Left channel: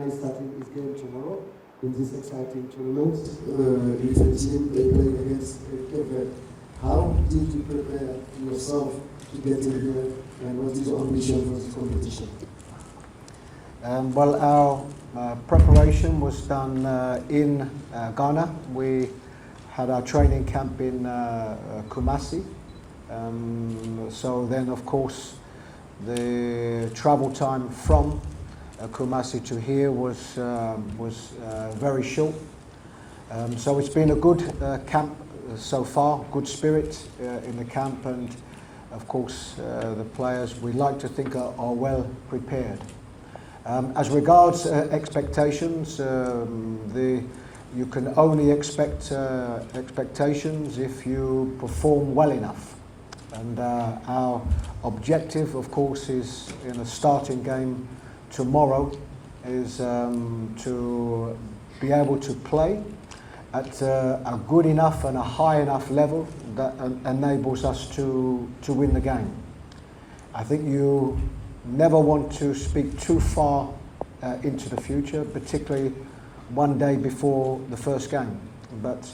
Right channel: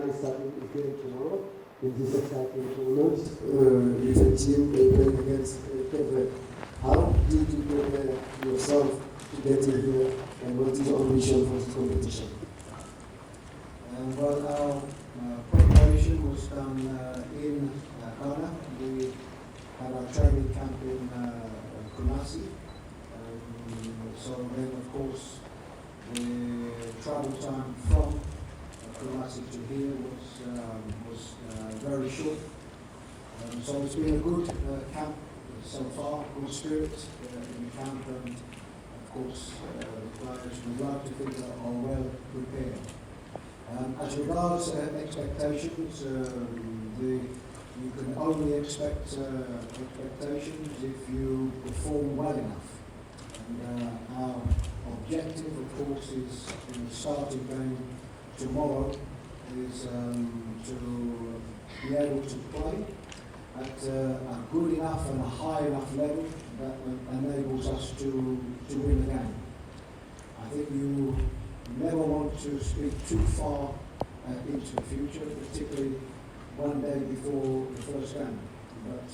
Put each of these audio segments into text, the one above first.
Ghana is starting this game tomorrow in this exciting tournament. It's a team playing against Verde. How did you prepare yourself to get in here, and what is your ambition for this competition? Well, our preparation was done in Ghana. We had our training camp in Kumasi. So then, of course, the travel time from Kumasi to here was very short. So it's been a good camp so far, good spirit in the camp, and of course the players, we like to think, are well prepared. As regards expectations, you can only expect expectations if you perform well enough. And our objective, of course, is in a starting game tomorrow, is to be able to play at a good enough and a high enough level that enables us to win the game. I think you never want to speak too far into the future, particularly one day before the first game. But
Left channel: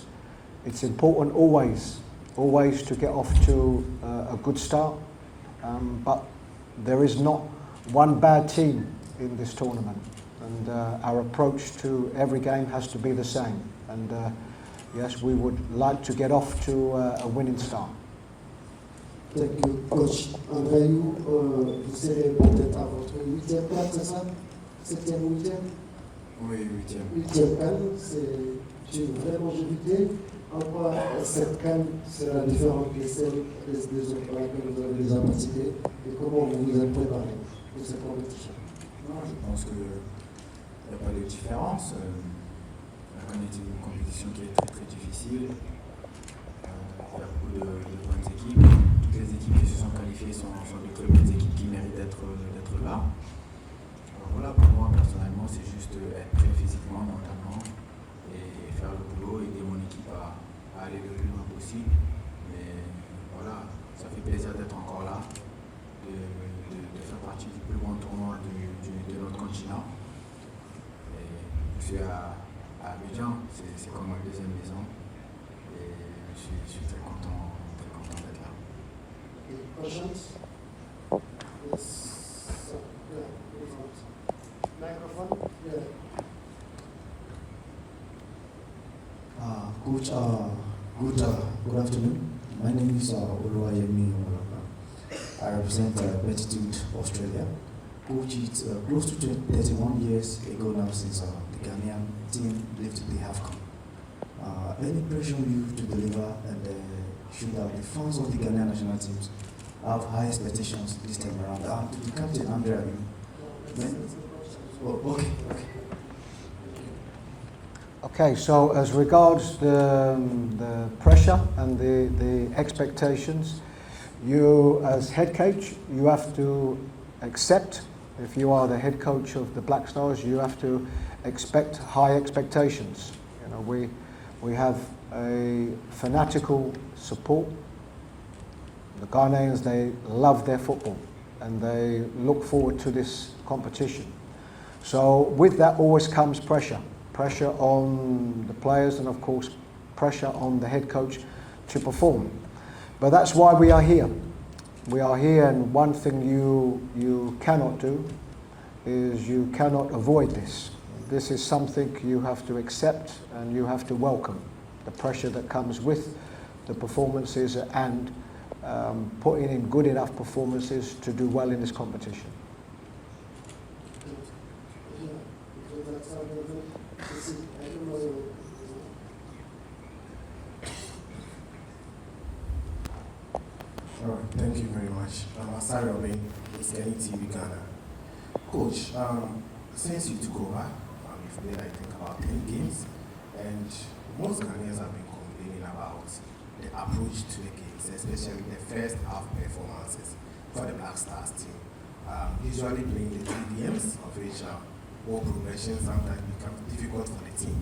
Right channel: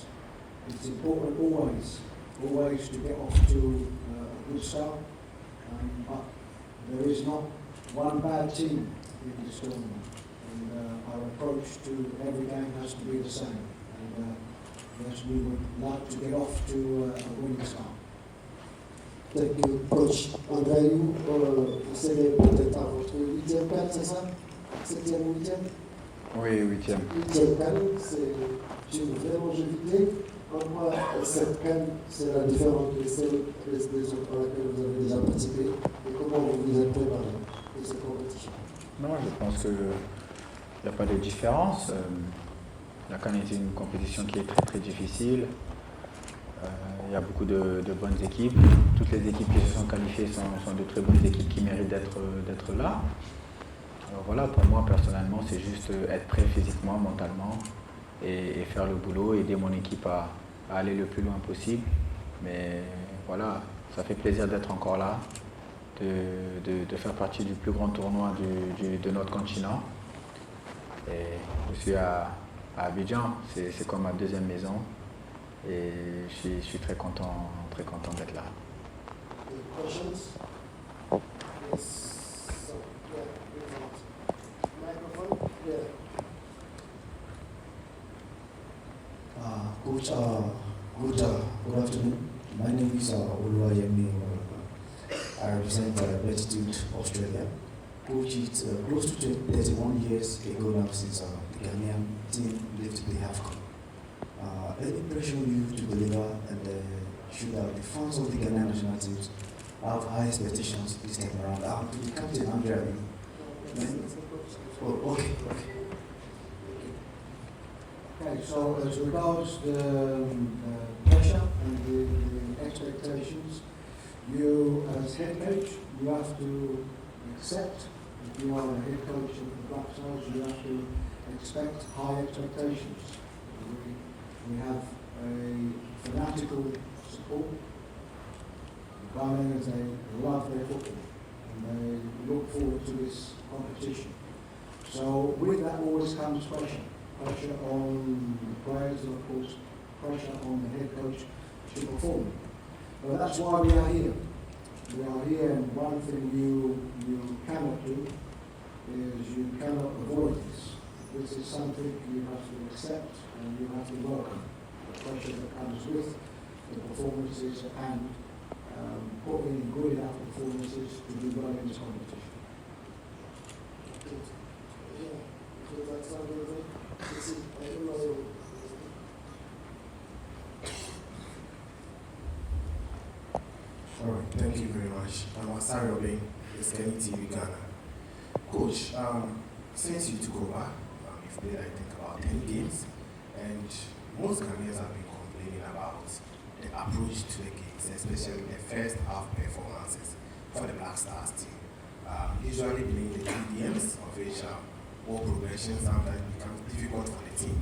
it's important always to get off to a good start. But there is not one bad team in this tournament, and our approach to every game has to be the same. And yes, we would like to get off to a winning start. Thank you, Coach. André, vous serez peut-être à votre 8e CAN, c'est ça? 7e ou 8e? Oui, 8e. 8e CAN, c'est une vraie longévité. En quoi cette CAN sera différente des autres pour lesquelles vous avez déjà participé, et comment vous vous êtes préparé pour cette compétition? Non, je pense qu'il n'y a pas de différence. La CAN est une compétition qui est très très difficile. Il y a beaucoup de bonnes équipes. Toutes les équipes qui se sont qualifiées sont de très bonnes équipes qui méritent d'être là. Alors voilà, pour moi personnellement, c'est juste être prêt physiquement, mentalement et faire le boulot, aider mon équipe à aller le plus loin possible. Mais voilà, ça fait plaisir d'être encore là, de faire partie du plus grand tournoi de notre continent. Et je suis à Abidjan, c'est comme ma deuxième maison. Et je suis très content d'être là. Questions? Yes. Microphone? Coach, good afternoon. My name is Oluwayemi. I represent Beatitude Australia. Coach, it's close to 31 years ago now since the Ghanaian team lifted the Afcon. Any pressure on you to deliver, and should the fans of the Ghanaian national teams have high expectations this time around? To the captain, Andrea. Okay. Okay, so as regards the pressure and the expectations, you as head coach, you have to accept, if you are the head coach of the Black Stars, you have to expect high expectations. You know, we have a fanatical support. The Ghanaians, they love their football and they look forward to this competition. So with that always comes pressure. Pressure on the players and of course pressure on the head coach to perform. But that's why we are here. We are here, and one thing you cannot do is you cannot avoid this. This is something you have to accept and you have to welcome. The pressure that comes with the performances and putting in good enough performances to do well in this competition. All right, thank you very much. I'm Asari Obeng, it's Kenny TV Ghana. Coach, since you took over, you've played, I think, about 10 games, and most Ghanaians have been complaining about the approach to the games, especially the first half performances for the Black Stars team. Usually playing the 2 games, of which all progression sometimes becomes difficult for the team.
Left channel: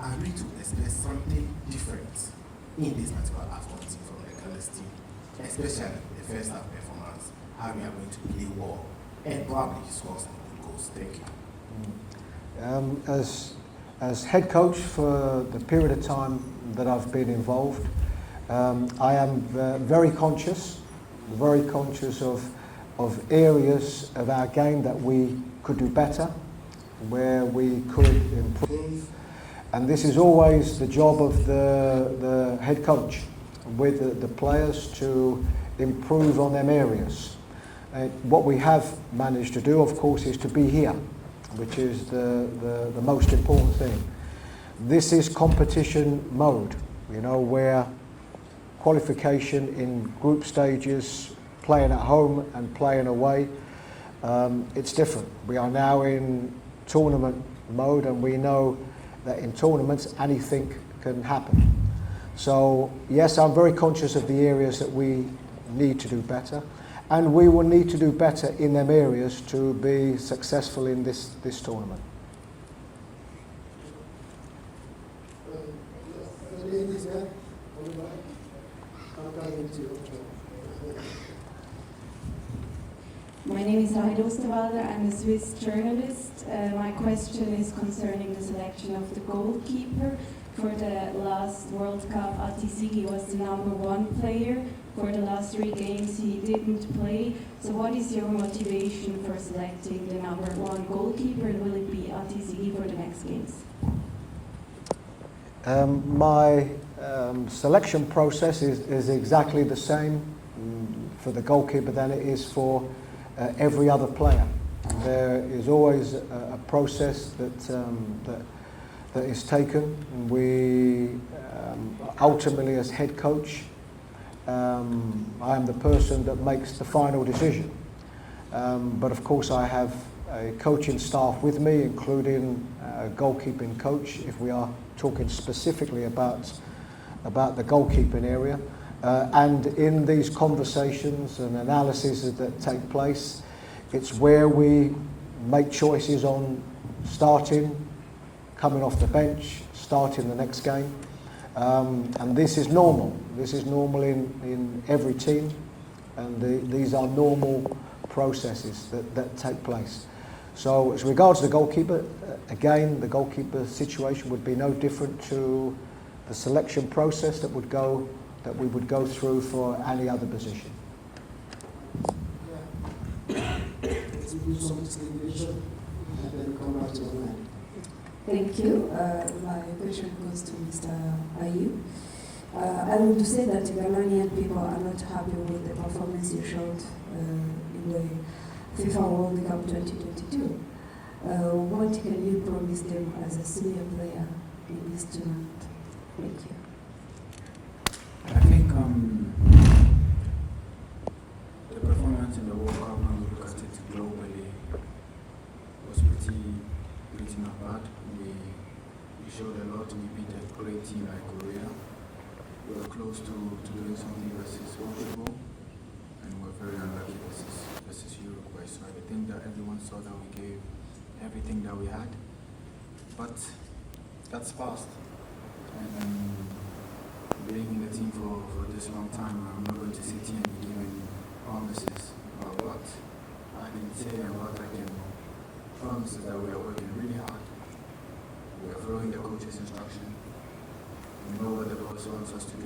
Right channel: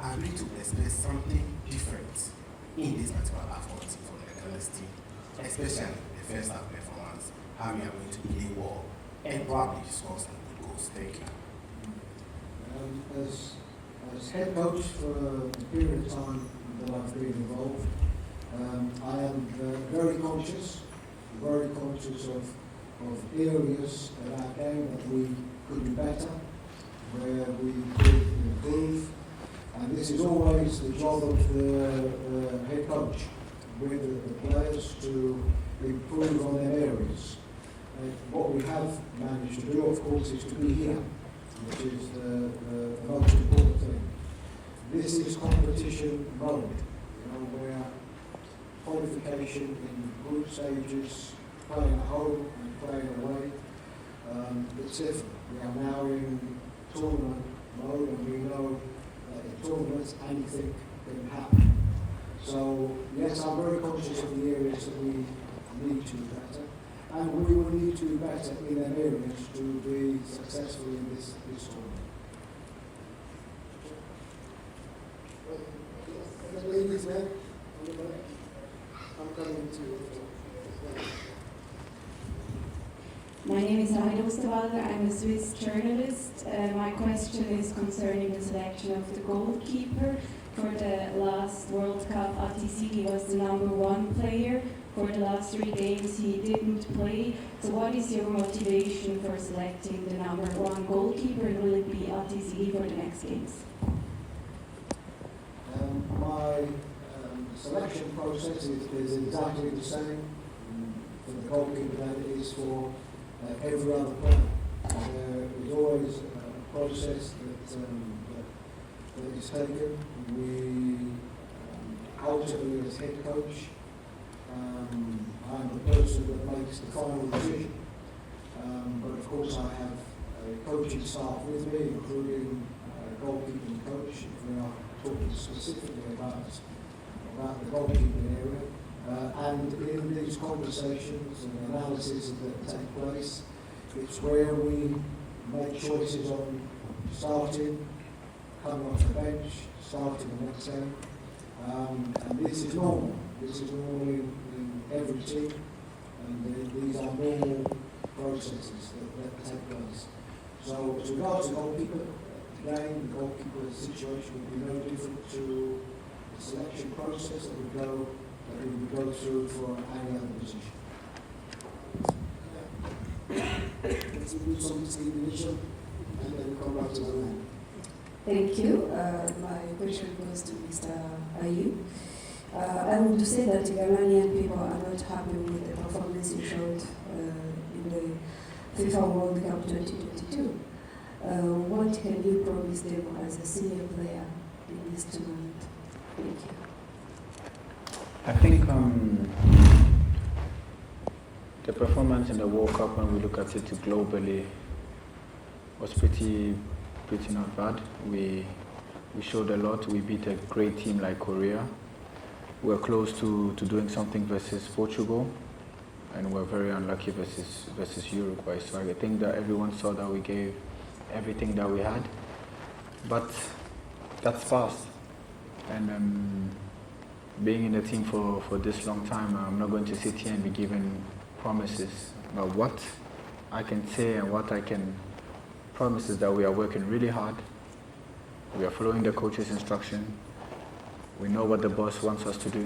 I agree to expect something different in this particular Afcon team from the Ghana's team, especially the first half performance, how we are going to play well and probably score some good goals. Thank you. As head coach for the period of time that I've been involved, I am very conscious of areas of our game that we could do better, where we could improve. And this is always the job of the head coach with the players to improve on them areas. What we have managed to do, of course, is to be here, which is the most important thing. This is competition mode, you know, where qualification in group stages, playing at home and playing away, it's different. We are now in tournament mode, and we know that in tournaments anything can happen. So yes, I'm very conscious of the areas that we need to do better, and we will need to do better in them areas to be successful in this tournament. Ladies, man. My name is Rahel Osterwalder. I'm a Swiss journalist. My question is concerning the selection of the goalkeeper. For the last World Cup, Atisigi was the #1 player. For the last 3 games, he didn't play. So what is your motivation for selecting the #1 goalkeeper, and will it be Atisigi for the next games? My selection process is exactly the same for the goalkeeper than it is for every other player. There is always a process that is taken. We ultimately, as head coach, I am the person that makes the final decision. But of course, I have a coaching staff with me, including a goalkeeping coach, if we are talking specifically about the goalkeeping area. And in these conversations and analyses that take place, it's where we make choices on starting, coming off the bench, starting the next game. And this is normal. This is normal in every team, and these are normal processes that take place. So as regards to the goalkeeper, again, the goalkeeper situation would be no different to the selection process that we would go through for any other position. Let's do some discrimination and then come back to online. Thank you. My question goes to Mr. Ayu. I would say that Ghanaian people are not happy with the performance you showed in the FIFA World Cup 2022. What can you promise them as a senior player in this tournament? Thank you. I think the performance in the World Cup, when we look at it globally, was pretty not bad. We showed a lot. We beat a great team like Korea. We're close to doing something versus Portugal, and we're very unlucky versus Uruguay. So I think that everyone saw that we gave everything that we had, but that's past. And being in the team for this long time, I'm not going to sit here and be giving promises. But what I can say and what I can promise is that we are working really hard. We are following the coach's instruction. We know what the boss wants us to do.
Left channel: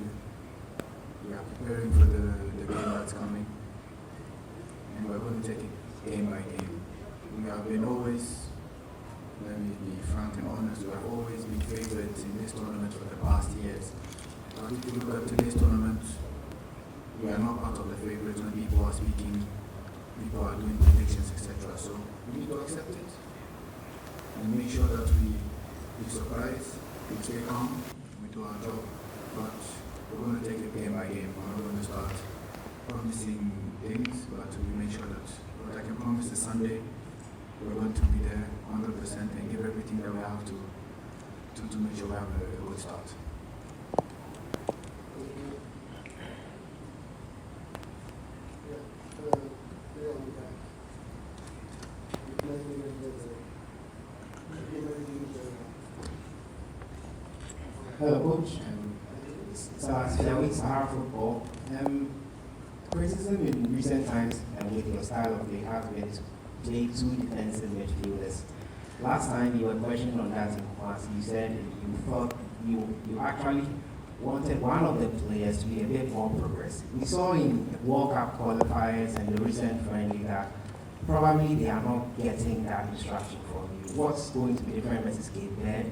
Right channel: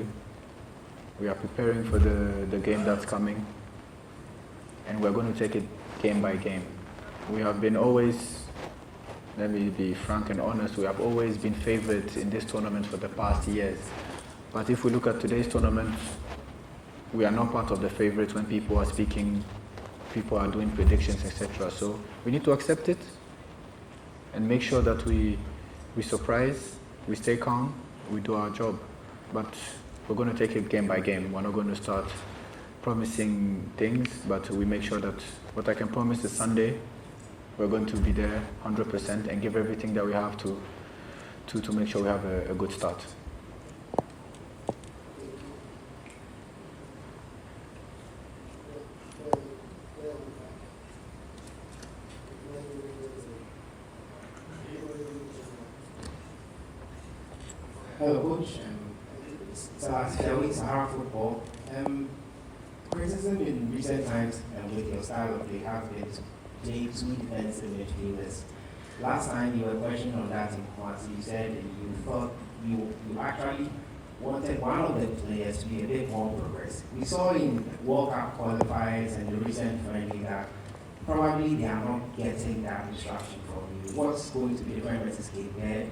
We are preparing for the game that's coming. And we're going to take it game by game. We have been always, let me be frank and honest, we have always been favorites in this tournament for the past years. But if we look at today's tournament, we are not part of the favorites when people are speaking, people are doing predictions, etc. So we need to accept it and make sure that we surprise, we stay calm, we do our job. But we're going to take it game by game. We're not going to start promising things, but we make sure that what I can promise is Sunday, we're going to be there 100% and give everything that we have to make sure we have a good start. Hello, Coach. Sahara Football. Criticism in recent times and with your style of play has been to play 2 defensive midfielders. last time you were questioned on that in class, you said you thought you actually wanted one of the players to be a bit more progressive. We saw in World Cup qualifiers and the recent friendly that probably they are not getting that instruction from you. What's going to be different versus Cape Verde?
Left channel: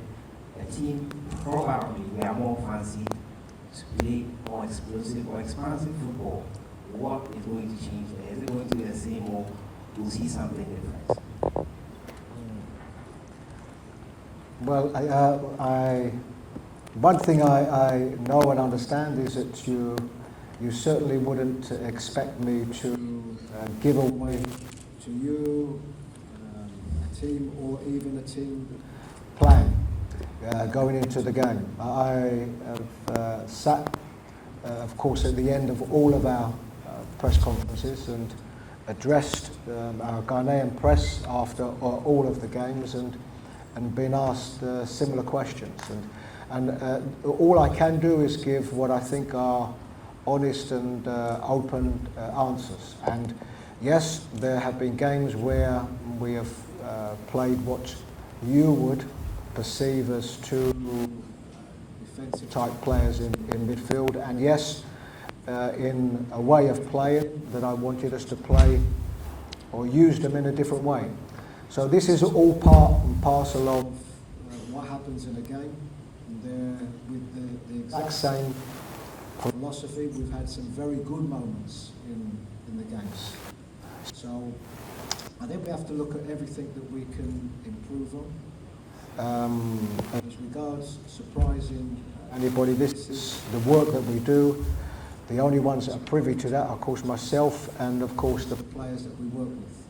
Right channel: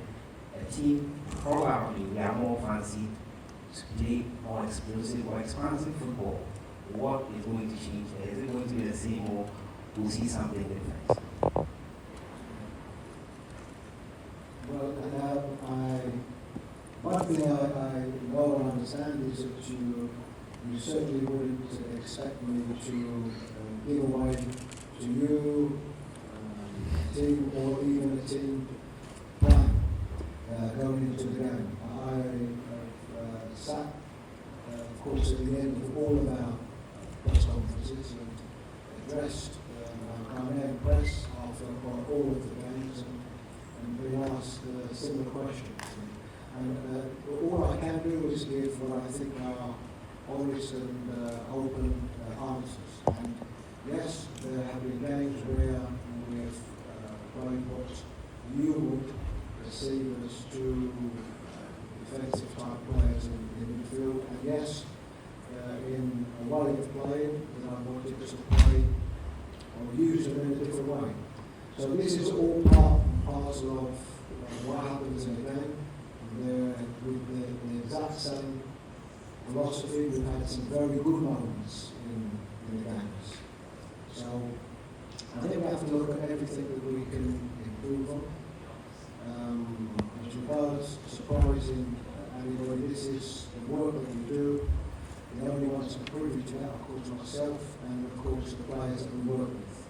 A team probably they are more fancy to play more explosive or expansive football. What is going to change there? Is it going to be the same or we'll see something different? Well, one thing I know and understand is that you certainly wouldn't expect me to give away to you a team or even a team plan going into the game. I have sat, of course, at the end of all of our press conferences and addressed our Ghanaian press after all of the games and been asked similar questions. And all I can do is give what I think are honest and open answers. And yes, there have been games where we have played what you would perceive as two defensive type players in midfield. And yes, in a way of playing that I wanted us to play or use them in a different way. So this is all part and parcel of what happens in the game. With the exact same philosophy, we've had some very good moments in the games. So I think we have to look at everything that we can improve on. As regards surprising anybody, this is the work that we do. The only ones that are privy to that are, of course, myself and, of course, the players that we work with.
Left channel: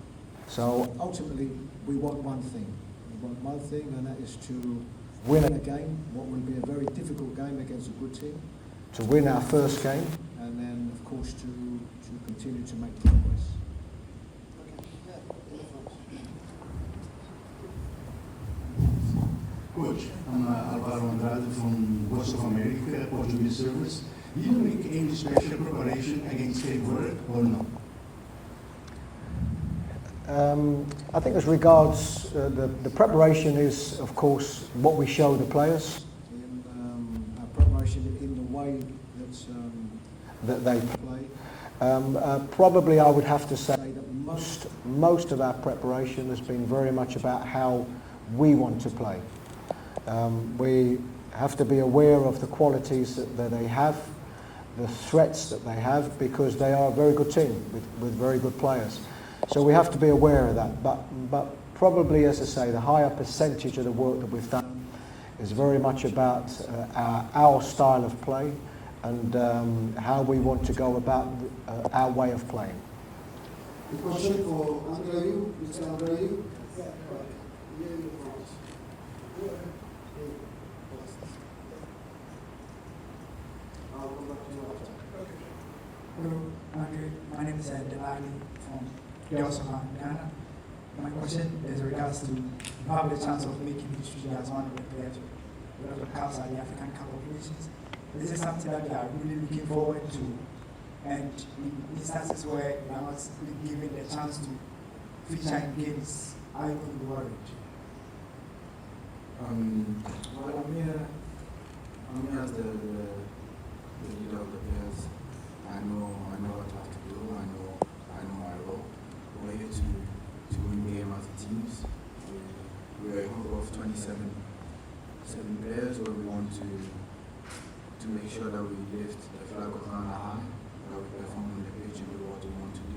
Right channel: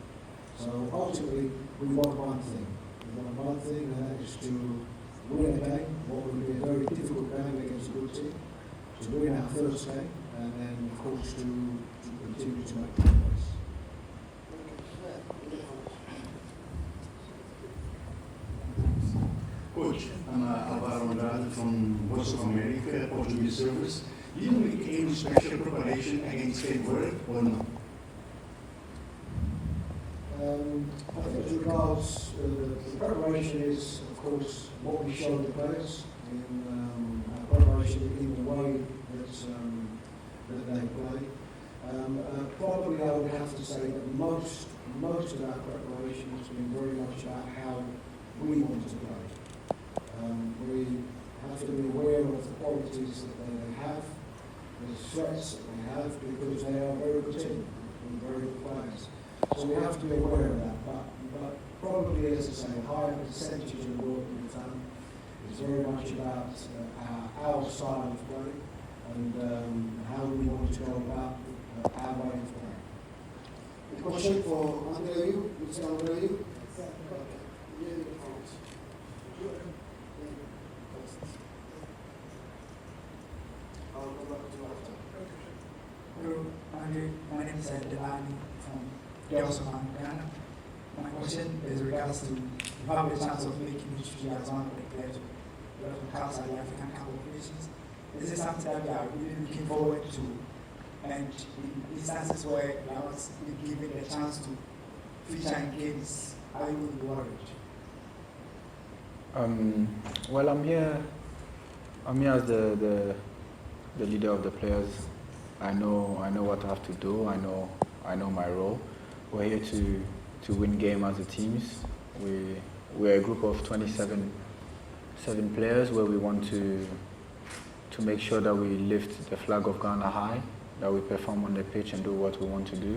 So ultimately, we want one thing. We want one thing, and that is to win a game, what will be a very difficult game against a good team, to win our first game, and then, of course, to continue to make progress. Coach, I'm Alvaro Andrade from Voice of America, Portuguese service. Did you make any special preparation against Cape Verde or no? I think as regards the preparation is, of course, what we show the players in our preparation in the way that they play. Probably I would have to say that most of our preparation has been very much about how we want to play. We have to be aware of the qualities that they have, the threats that they have, because they are a very good team with very good players. So we have to be aware of that, but probably, as I say, the higher percentage of the work that we've done is very much about our style of play and how we want to go about our way of playing. Question for Andrew, Mr. Andrew. Hello, Andre. My name is Delani from Delson, Ghana. My question is regards to you have the chance of making history as one of the players with a lot of caps at the African Cup of Nations. This is something that you are really looking forward to, and in instances where you are not given the chance to feature in games, are you going to be worried? Well, I'm here as the leader of the players. I know what I have to do. I know my role. We're here to win game as a team. We're a group of 27 players where we want to make sure that we lift the flag of Ghana high, that we perform on the pitch and do what we want to do.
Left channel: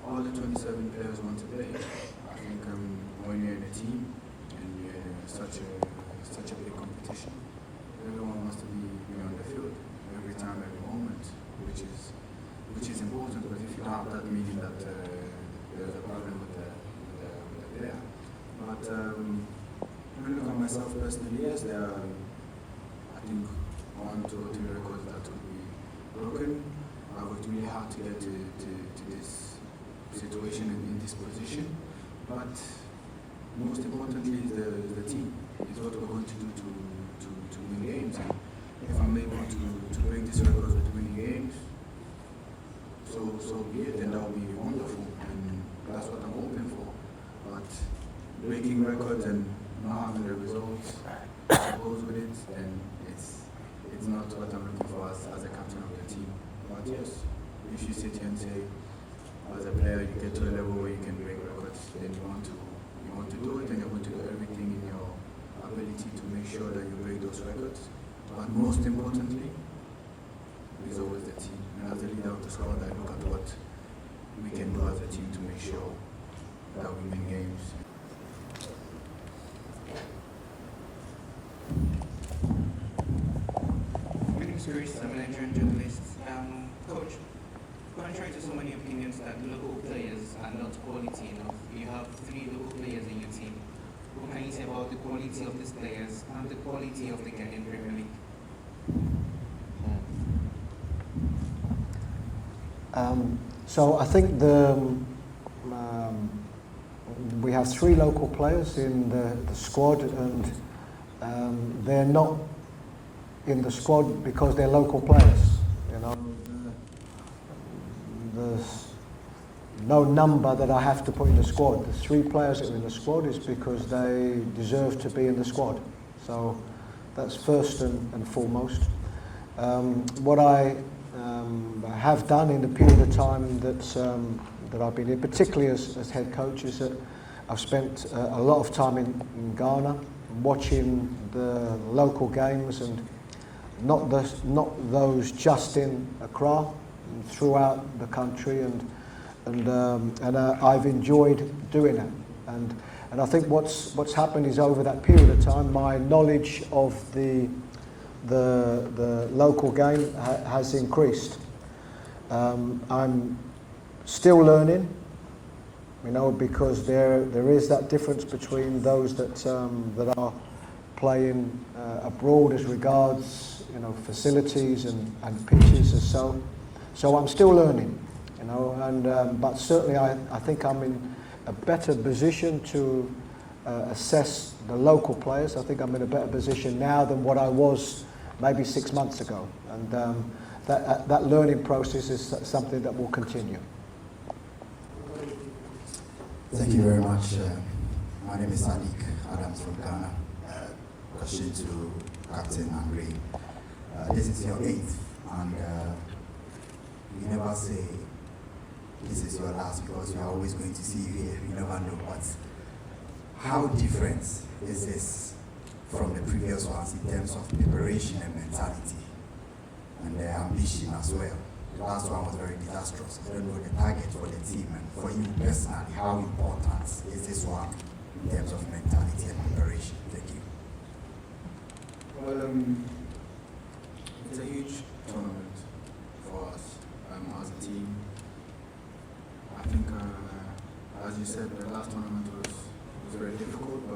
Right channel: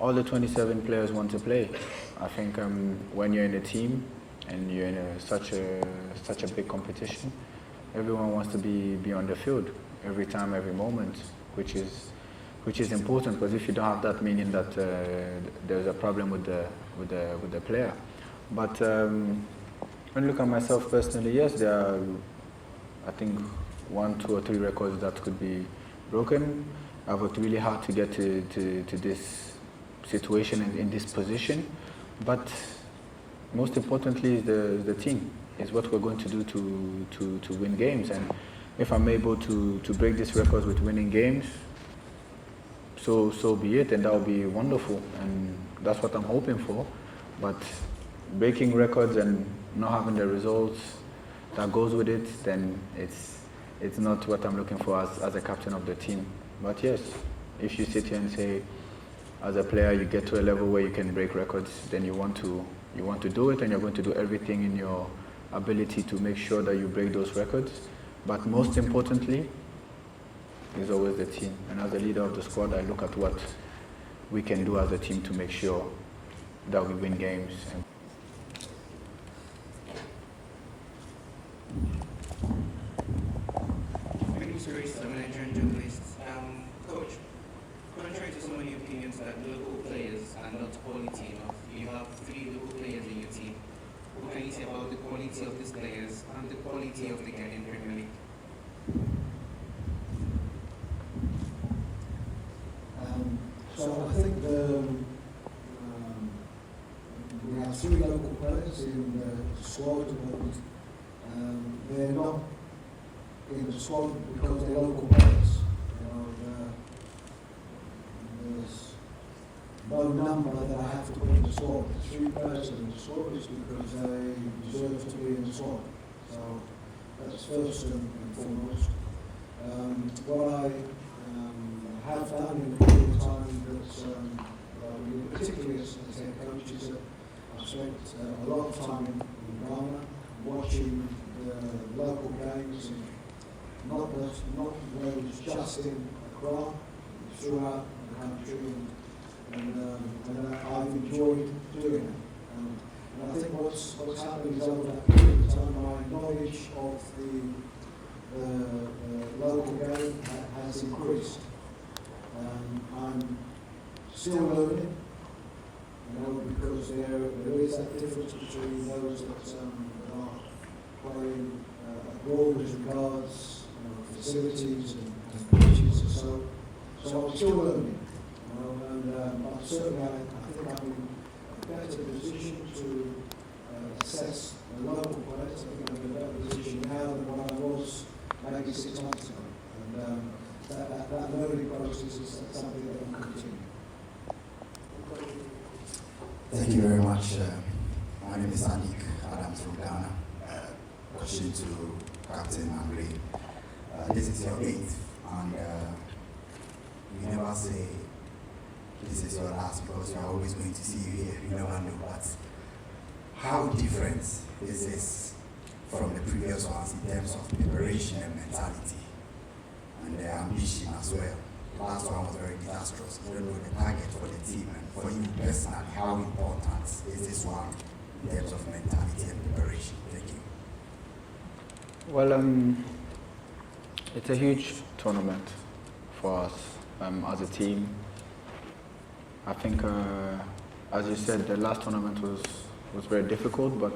All the 27 players want to play. I think when you're in a team and you're in such a big competition, everyone wants to be on the field every time, every moment, which is important, because if you don't have that, meaning that there's a problem with the player. But when you look at myself personally, yes, there are, I think, 1, 2, or 3 records that could be broken. I worked really hard to get to this situation in this position, but most importantly, the team is what we're going to do to win games. And if I'm able to break this record with winning games, so be it, and that will be wonderful, and that's what I'm hoping for. But breaking records and not having the results that goes with it, then it's not what I'm looking for as a captain of the team. But yes, if you sit here and say, as a player, you get to a level where you can break records, then you want to do it, and you're going to do everything in your ability to make sure that you break those records. But most importantly, is always the team. And as a leader of the squad, I look at what we can do as a team to make sure that we win games. My name is Chris. I'm a Nigerian journalist. Coach, contrary to so many opinions that local players are not quality enough, you have 3 local players in your team. What can you say about the quality of these players and the quality of the Ghanaian Premier League? So I think we have 3 local players in the squad, and they're not in the squad because they're local players. You know, there's no number that I have to put in the squad. The 3 players in the squad is because they deserve to be in the squad. So that's first and foremost. What I have done in the period of time that I've been here, particularly as head coach, is that I've spent a lot of time in Ghana watching the local games, and not those just in Accra, throughout the country, and I've enjoyed doing it. And I think what's happened is over that period of time, my knowledge of the local game has increased. I'm still learning, you know, because there is that difference between those that are playing abroad as regards, you know, facilities and pitches and so on. So I'm still learning, you know, and but certainly I think I'm in a better position to assess the local players. I think I'm in a better position now than what I was maybe 6 months ago, and that learning process is something that will continue. Thank you very much. My name is Sadiq Adams from Ghana. Question to Captain Andre. This is your 8th, and you never say this is your last because we are always going to see you here. You never know. But how different is this from the previous ones in terms of preparation and mentality and the ambition as well? The last one was very disastrous. I don't know the target for the team, and for you personally, how important is this one in terms of mentality and preparation? Thank you. Well, it's a huge tournament for us as a team. I think, as you said, the last tournament was very difficult, but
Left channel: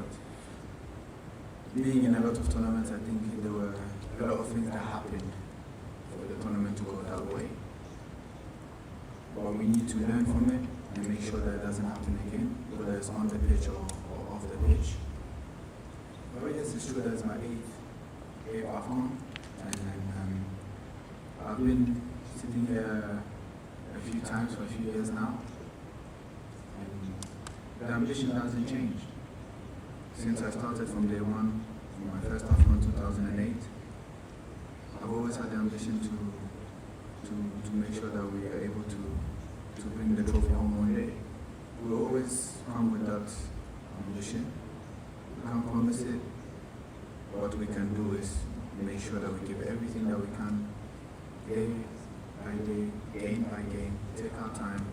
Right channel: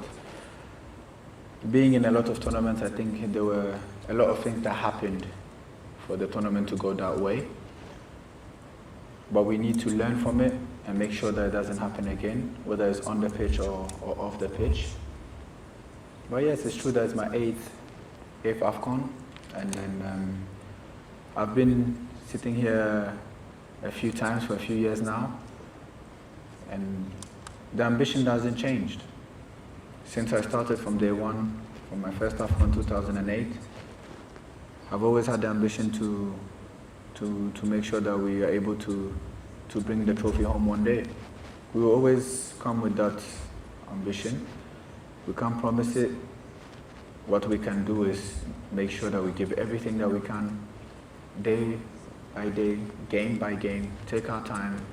being in a lot of tournaments, I think there were a lot of things that happened for the tournament to go that way. But we need to learn from it and make sure that it doesn't happen again, whether it's on the pitch or off the pitch. But yes, it's true that it's my 8th Afcon, and I've been sitting here a few times for a few years now, and the ambition hasn't changed. Since I started from day one, from my first Afcon in 2008, I've always had the ambition to make sure that we are able to bring the trophy home one day. We will always come with that ambition. We can't promise it. What we can do is make sure that we give everything that we can, day by day, game by game, take our time.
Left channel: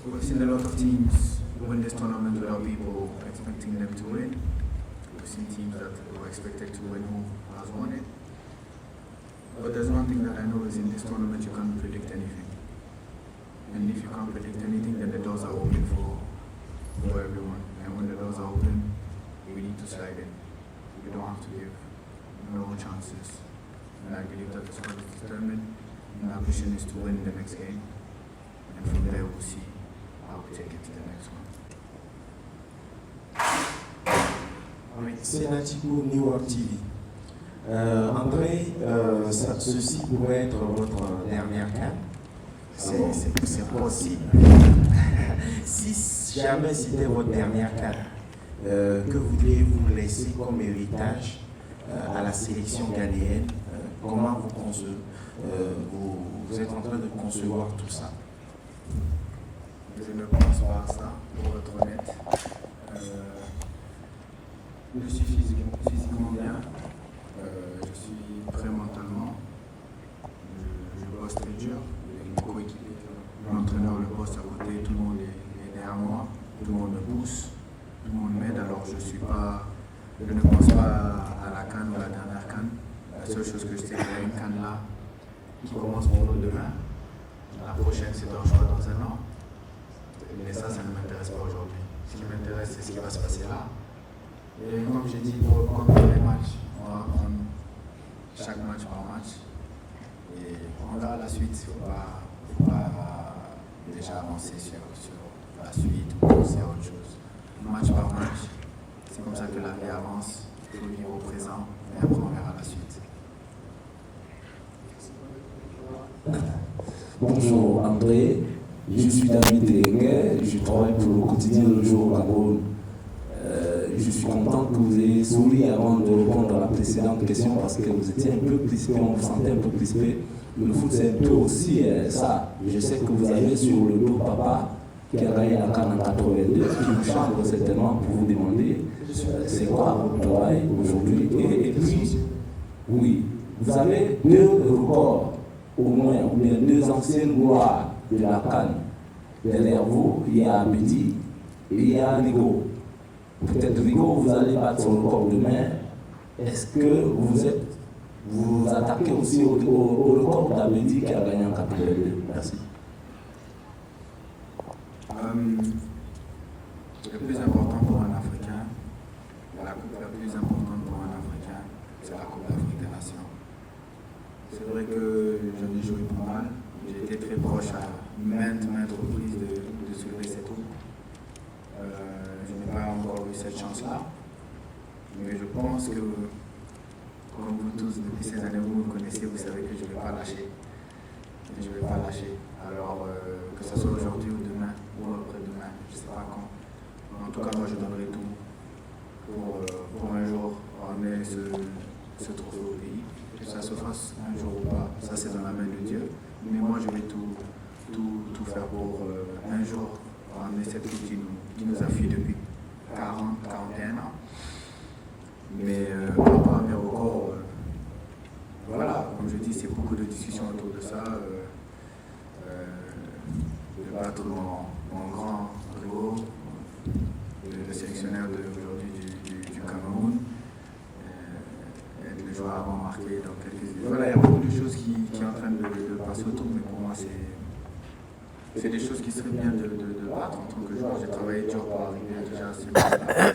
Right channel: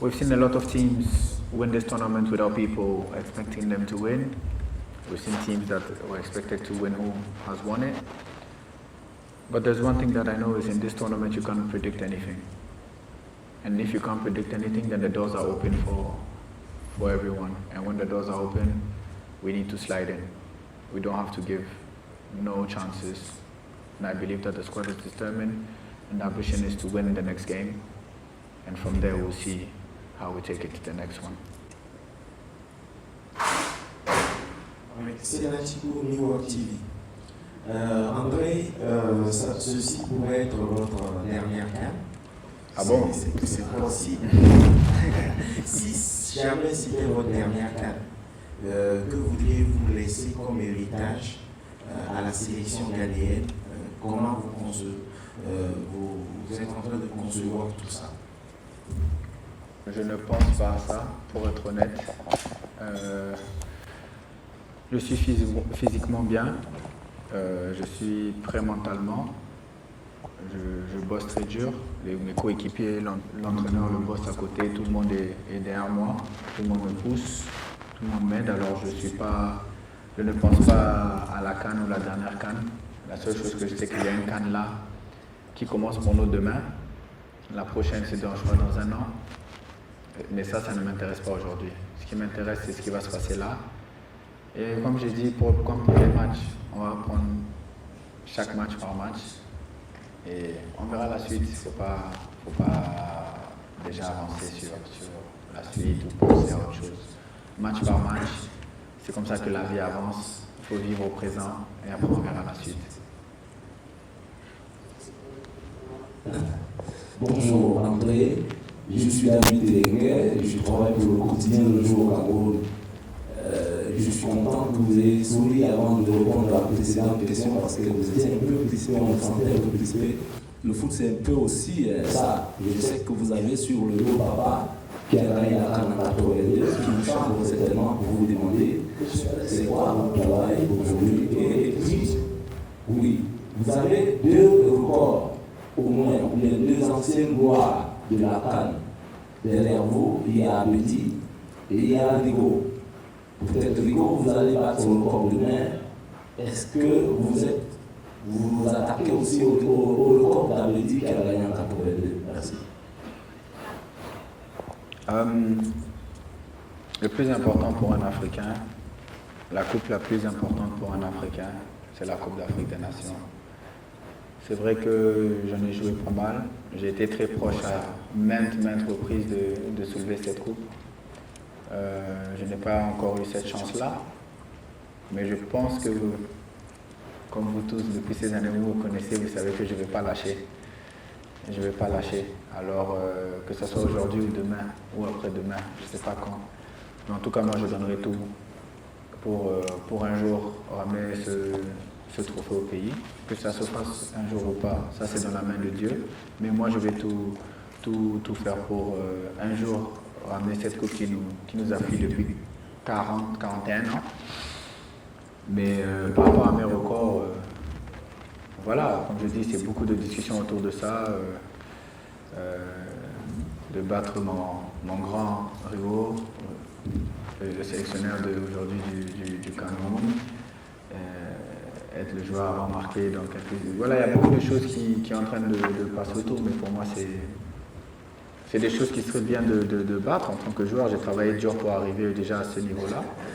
We've seen a lot of teams win this tournament without people expecting them to win. We've seen teams that were expected to win who has won it. But there's one thing that I know is in this tournament you cannot predict anything. And if you can't predict anything, then the doors are open for everyone. And when the doors are open, we need to slide in. We don't have to give no chances. And I believe that the squad is determined, and our ambition is to win in the next game. And from there we'll see how we take it to the next one. C'est Natibo, New York TV. André, ceci pourrait être votre dernière CAN. Ah bon? C'est possible. Si jamais c'était votre dernière CAN, que voudriez-vous laisser comme héritage à la sélection ghanéenne? Comment vous êtes en train de concevoir tout ça? Je ne pense pas à ça, pour être honnête. Je suis physiquement bien, je suis prêt mentalement, je bosse très dur, mes coéquipiers, l'entraîneur le bosse à côté, tout le monde est derrière moi, tout le monde me pousse, tout le monde m'aide, alors je ne pense pas à la CAN ou la dernière CAN. La seule chose que je sais, c'est qu'il y a une CAN là qui commence pour nous demain, la prochaine c'est dans un an, mais ça ne m'intéresse pas aujourd'hui. Ce qui m'intéresse, c'est ce qui va se passer là. Et comme j'ai dit, comme pour les matchs, on va prendre chaque match par match. Et on verra la suite. Il ne faut pas déjà avancer sur la suite ou sur autre chose. Match par match, c'est comme ça que la vie avance. Il faut vivre au présent et après on verra la suite. Bonjour André, je suis David Engue, je travaille pour le quotidien Le Jour au Cameroun. Je suis content que vous ayez souri avant de répondre à la précédente question parce que vous étiez un peu crispé, on vous sentait un peu crispé. Le foot c'est un peu aussi ça. Je sais que vous avez sur le dos papa qui a gagné la CAN en 82, qui vous chambre certainement pour vous demander c'est quoi votre travail aujourd'hui. Et puis, oui, vous avez 2 records au moins, ou bien 2 anciennes gloires de la CAN. Derrière vous, il y a Abedi et il y a Rigo. Peut-être Rigo, vous allez battre son record demain. Est-ce que vous attaquez aussi au record d'Abedi qui a gagné en 82? Merci. Le plus important pour un Africain, la coupe la plus importante pour un Africain, c'est la Coupe d'Afrique des Nations. C'est vrai que j'en ai joué pas mal. J'ai été très proche à maintes reprises de soulever cette coupe. Je n'ai pas encore eu cette chance-là, mais je pense que, comme vous tous, depuis ces années, vous connaissez, vous savez que je ne vais pas lâcher. Je ne vais pas lâcher. Alors, que ce soit aujourd'hui ou demain, ou après-demain, je ne sais pas quand. Mais en tout cas, moi, je donnerai tout pour un jour ramener ce trophée au pays. Que ça se fasse un jour ou pas, ça c'est dans la main de Dieu. Mais moi, je vais tout faire pour un jour ramener cette coupe qui nous a fait depuis 40, 41 ans. Mais par rapport à mes records, voilà, comme je dis, c'est beaucoup de discussions autour de ça, de battre mon grand rival, le sélectionneur d'aujourd'hui du Cameroun, être le joueur à remarquer dans quelques... Voilà, il y a beaucoup de choses qui sont en train de passer autour, mais pour moi, c'est des choses qui seraient bien de battre en tant que joueur. J'ai travaillé dur pour arriver déjà à ce niveau-là.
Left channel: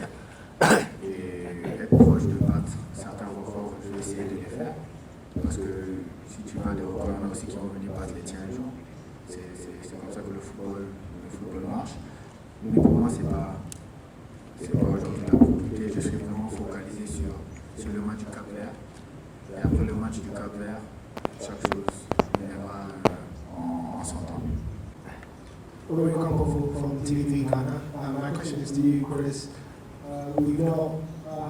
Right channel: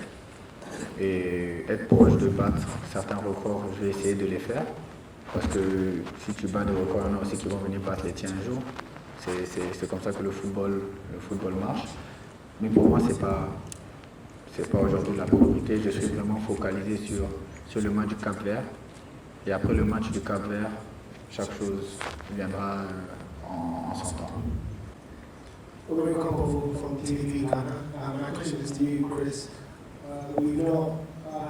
Et être proche de battre certains records, je vais essayer de les faire. Parce que si tu bats des records, c'est qu'ils vont venir battre les tiens un jour. C'est comme ça que le football marche. Mais pour moi, c'est pas aujourd'hui la priorité. Je suis vraiment focalisé sur le match du Cap-Vert. Et après le match du Cap-Vert, chaque chose viendra en son temps. Very comfortable from TV3 Ghana. My question is to you, Chris. We've not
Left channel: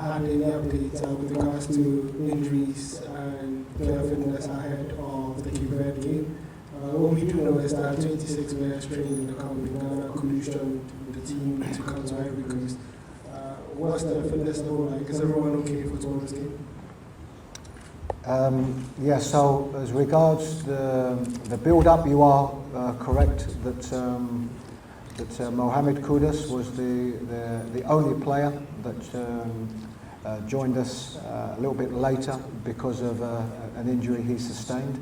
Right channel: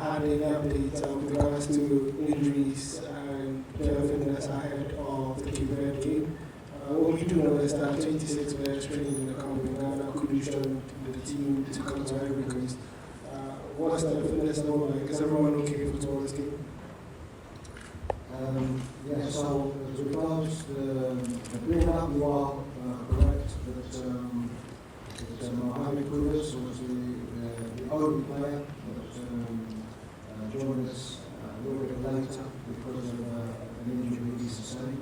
had any updates with regards to injuries and player fitness ahead of the Cape Verde game. What we do know is that 26 players trained in the camp in Ghana. Kudu joined the team to come to Ivory Coast. What's the fitness level like? Is everyone okay for tomorrow's game? So as regards the build-up, you are correct that Mohamed Kudus was the only player that joined us a little bit later because of an injury he sustained.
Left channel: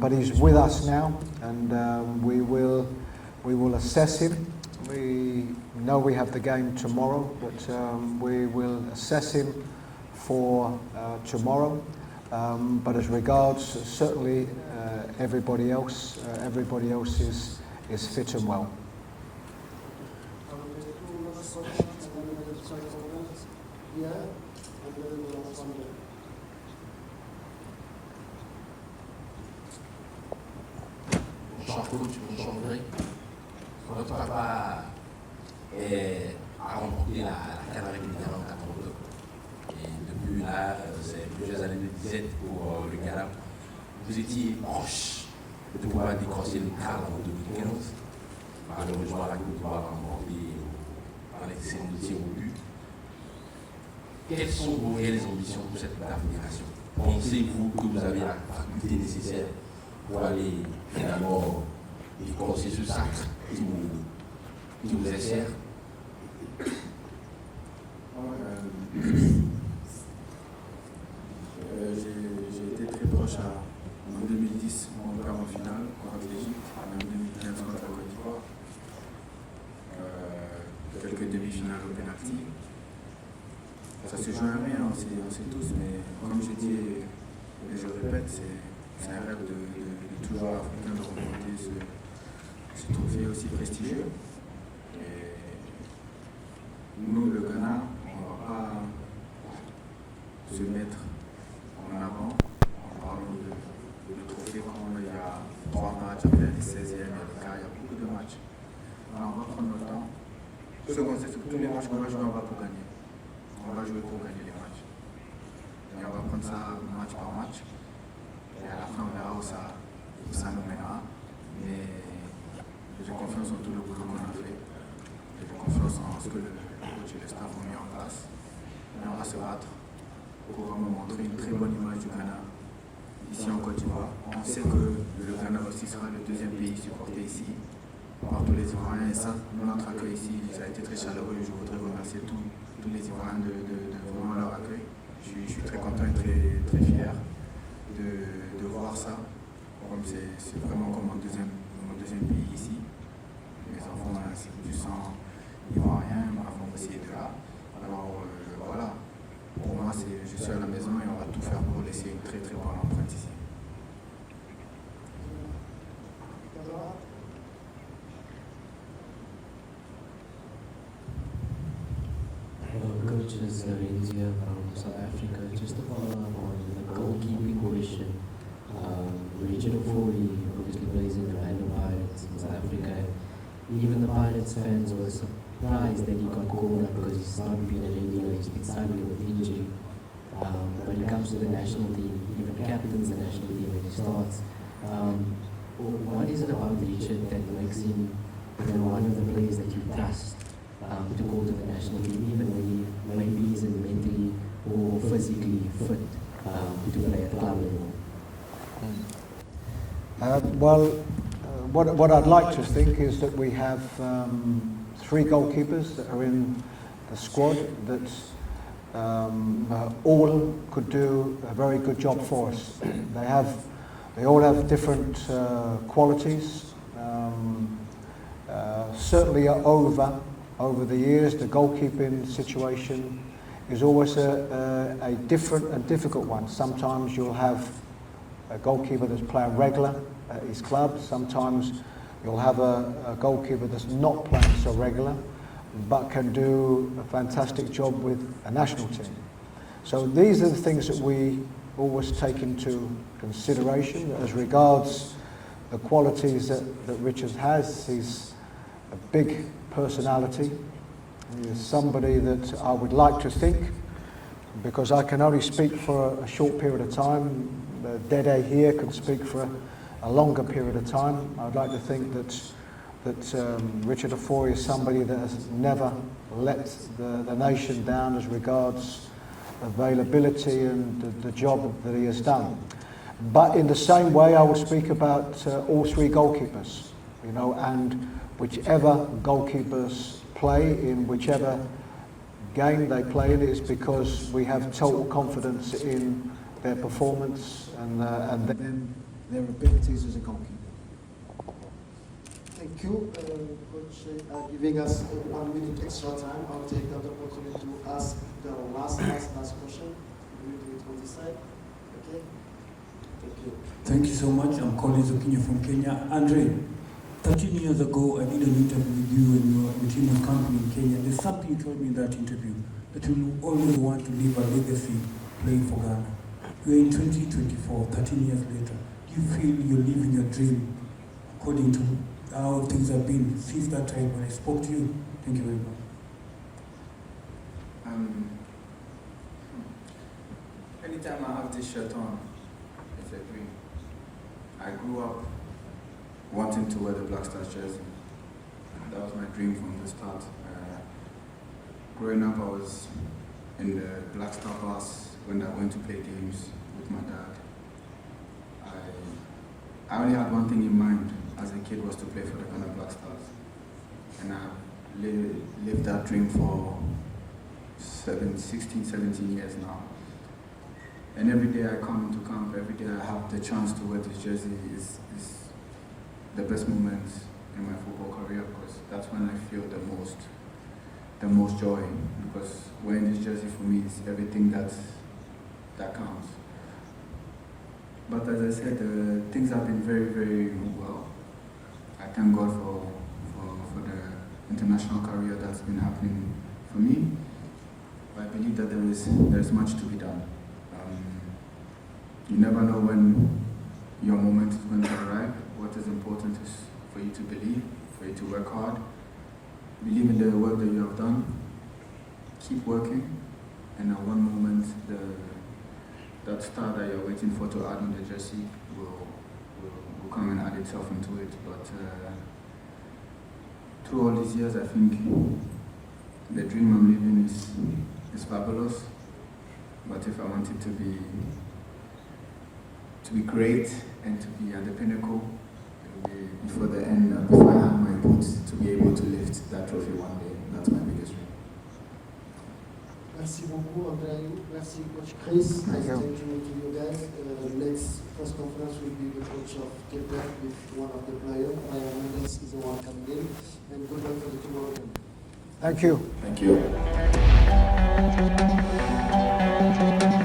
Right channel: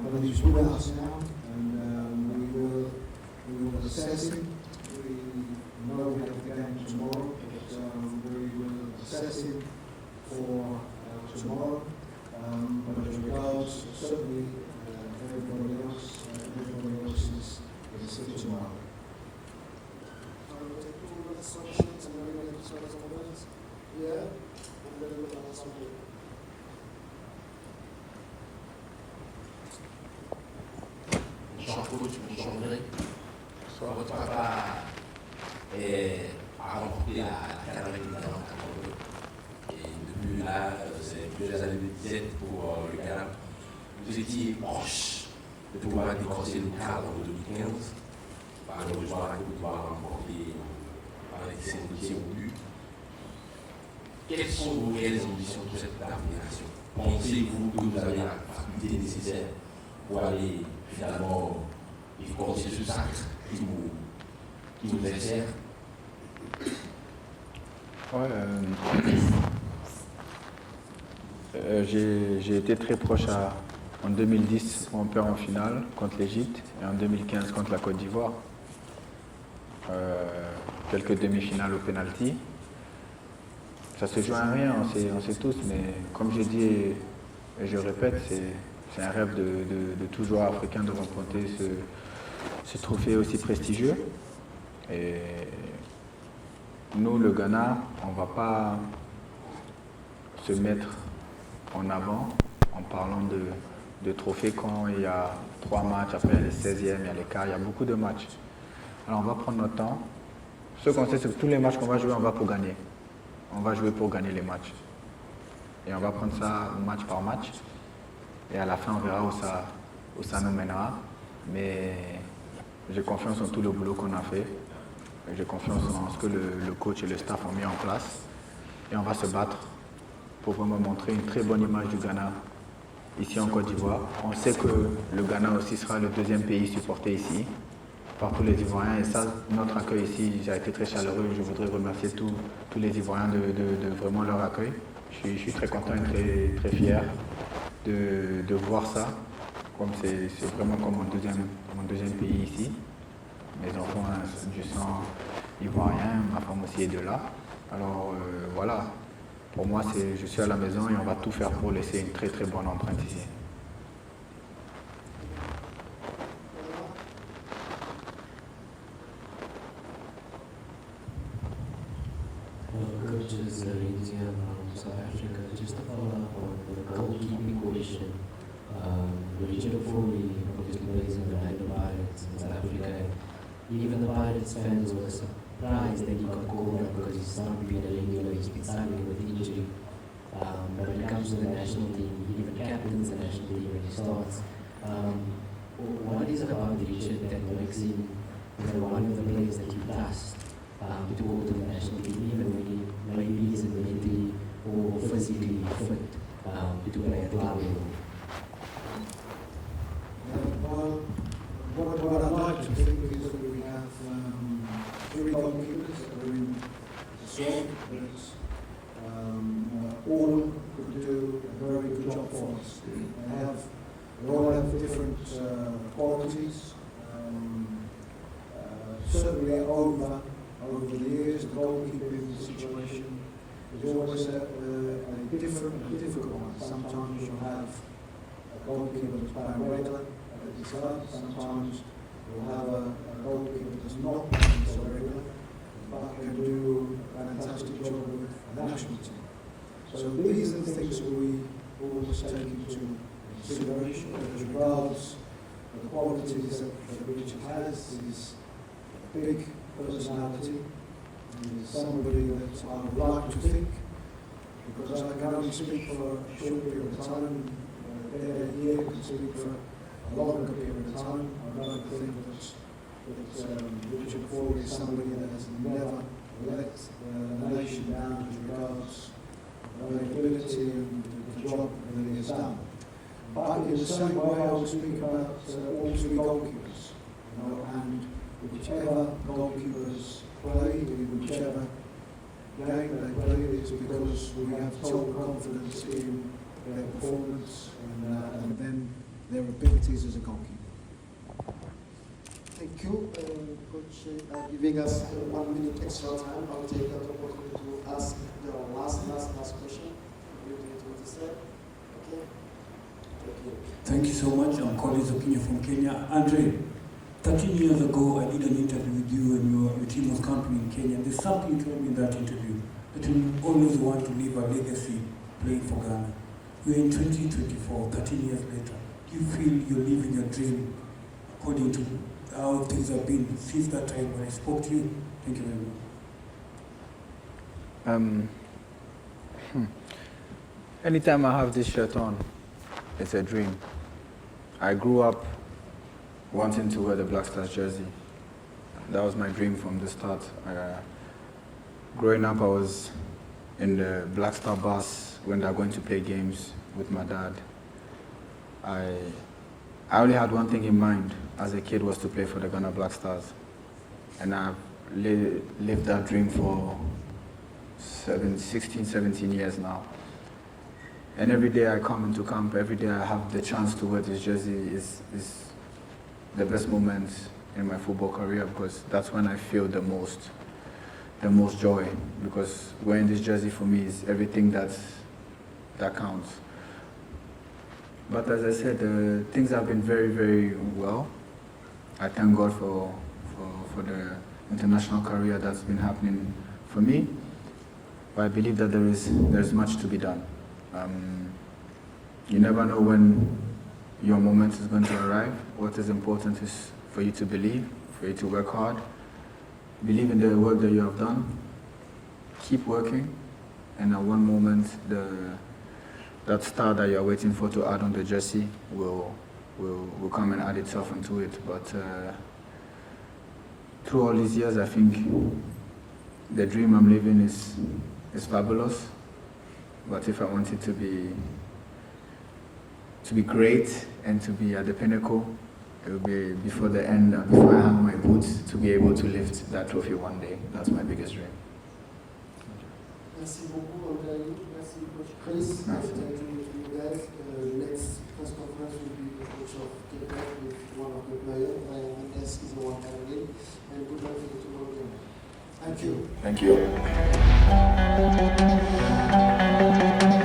But he's with us now, and we will assess him. We know we have the game tomorrow, but we will assess him for tomorrow. But as regards certainly everybody else is fit and well. Bonjour coach, bonjour André. Votre papa est a remporté la CAN avec le Ghana en 82. Et depuis là, c'est plusieurs années de disette pour le Ghana. Vous étiez proche de pouvoir décrocher le cadre en 2015. Malheureusement, la Côte d'Ivoire a remporté par les séries de tir au but. Quelles sont vos réelles ambitions pour cette fédération? Pensez-vous que vous avez la faculté nécessaire pour aller finalement décrocher ce sacre qui vous est cher? J'ai été très proche en 2010, on perd en finale contre l'Égypte et en 2015 contre la Côte d'Ivoire. Quelques demi-finales au pénalty. Ça se joue à rien, on sait tous, mais comme je dis et je répète, c'est un rêve de tout joueur africain de remporter ce trophée aussi prestigieux. Et nous, le Ghana, on ne va pas se mettre en avant en parlant de trophées quand il y a 3 matchs, après les 16e et les quarts, il y a beaucoup de matchs. Alors on va prendre notre temps. Ce qu'on sait, c'est que tous les matchs qu'on va jouer, on va pour gagner. On va jouer pour gagner les matchs. Et on va prendre ça match par match. Et à la fin, on verra où ça nous mènera. Mais j'ai confiance en tout le boulot qu'on a fait. J'ai confiance en ce que le coach et le staff ont mis en place. Et on va se battre pour vraiment montrer une très bonne image du Ghana ici en Côte d'Ivoire. On sait que le Ghana aussi sera le 2e pays supporté ici par tous les Ivoiriens. Et ça, notre accueil ici, ça a été très chaleureux. Je voudrais remercier tous les Ivoiriens de vraiment leur accueil. Je suis très content et très fier de voir ça. Comme c'est vraiment mon deuxième pays ici. Mes enfants, je sens ivoiriens, ma femme aussi est de là. Alors voilà, pour moi, je suis à la maison et on va tout faire pour laisser une très très bonne empreinte ici. Coach, is Renzia from South Africa. Just to follow up on the goalkeeping question. Richard Ofori obviously plays in the Orlando Pirates in South Africa. Even the Pirates fans were surprised that he got called up because he's not been a regular, he's been struggling with injury. When it comes to the national team, he even captains the national team when he starts. What is it about Richard that makes him one of the players that you trust to go to the national team, even when he maybe isn't mentally or physically fit to play at club level? What I'd like to think is that we have 3 goalkeepers that are in the squad that all could do a very good job for us. They all have different qualities. Certainly over the years, the goalkeeping situation is always a different and difficult one. Sometimes you'll have a goalkeeper that's playing regular at his club. Sometimes you'll have a goalkeeper that's not playing so regular, but can do a fantastic job with a national team. So these are the things that we always take into consideration. As regards the qualities that Richard has, he's a big personality. He's somebody that I would like to think, because I can only speak for a short period of time, Dede here can speak for a longer period of time. I'd like to think that Richard Ofori is somebody that has never let the nation down as regards availability and the job that he has done. But in the same way, I will speak about all 3 goalkeepers, and whichever goalkeepers play in whichever game they play in is because we have total confidence in their performance and then their abilities as a goalkeeper. Thank you, Coach, giving us 1 minute extra time. I'll take that opportunity to ask the last question. We'll do it on this side. Okay. Thank you. Thank you so much. I'm Collins Okinyo from Kenya. Andre, 13 years ago, I did an interview with you and your team was camping in Kenya. There's something you told me in that interview, that you always want to leave a legacy playing for Ghana. We're in 2024, 13 years later. Do you feel you're living your dream according to how things have been since that time when I spoke to you? Thank you very much. Anytime I have this shirt on, it's a dream. I grew up wanting to wear the Black Stars jersey. That was my dream from the start. Growing up, I was in the Black Star bus when they were going to play games with my dad. I only had one thing in mind as a kid, was to play for the Ghana Black Stars. And I've lived that dream for 16, 17 years now. And every day I come into camp, every day I have the chance to wear this jersey is the best moment in my football career, because that's when I feel the most joy, because wearing this jersey for me is everything that counts. But as I said, things have been very, very well. I thank God for the international career that's been happening for me. But I believe that there's much to be done. You never know when your moment is going to arrive. What is important is for you to believe, for you to work hard, believe in the work that you have done, keep working, and at one moment that star that you're waiting for to add on the jersey will come and add itself into it. But through all these years, I think the dream I'm living is fabulous. But if I want it to be great and to be at the pinnacle, it will be before the end and before I hang my boots, to be able to lift that trophy one day. That's my biggest dream. Merci beaucoup, André. Merci, Coach Chris. Nice to you guys. Next press conference will be the coach of Cape Verde with one of the players. Ryan Mendes is the one coming in. And good luck for the tomorrow game. Thank you. Thank you.